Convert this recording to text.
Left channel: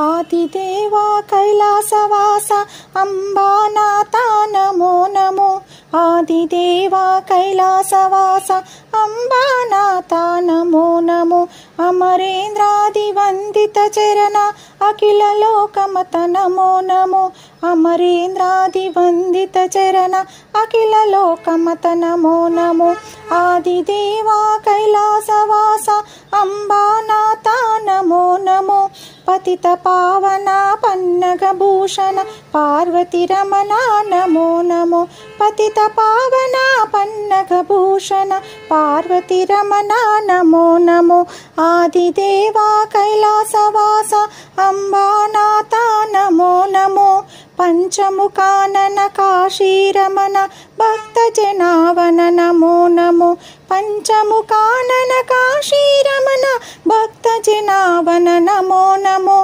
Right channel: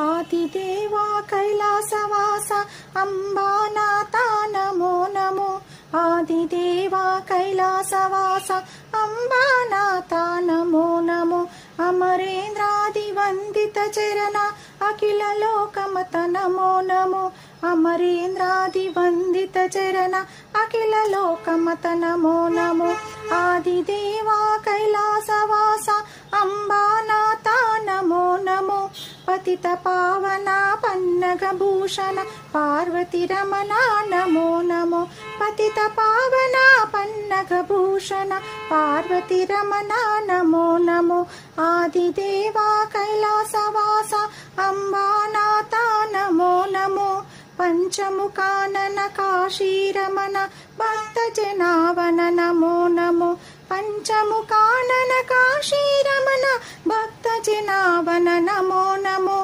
ఆదిదేవా కైలాసవాస అంబానాథ నమో నమో ఆదిదేవా కైలాసవాస అంబానాథ నమో నమో అమరేంద్రాది వందిత చరణ అఖిల లోకమత నమో నమో అమరేంద్రాది వందిత చరణ అఖిల లోకమత నమో నమో ఆదిదేవా కైలాసవాస అంబానాథ నమో నమో పతిత పావన పన్నగ భూషణ పార్వతి రమణ నమో నమో పతిత పావన పన్నగ భూషణ పార్వతి రమణ నమో నమో ఆదిదేవా కైలాసవాస అంబానాథ నమో నమో పంచముఖానన కాశీరమణ భక్త జనావన నమో నమో పంచముఖానన కాశీరమణ భక్త జనావన నమో నమో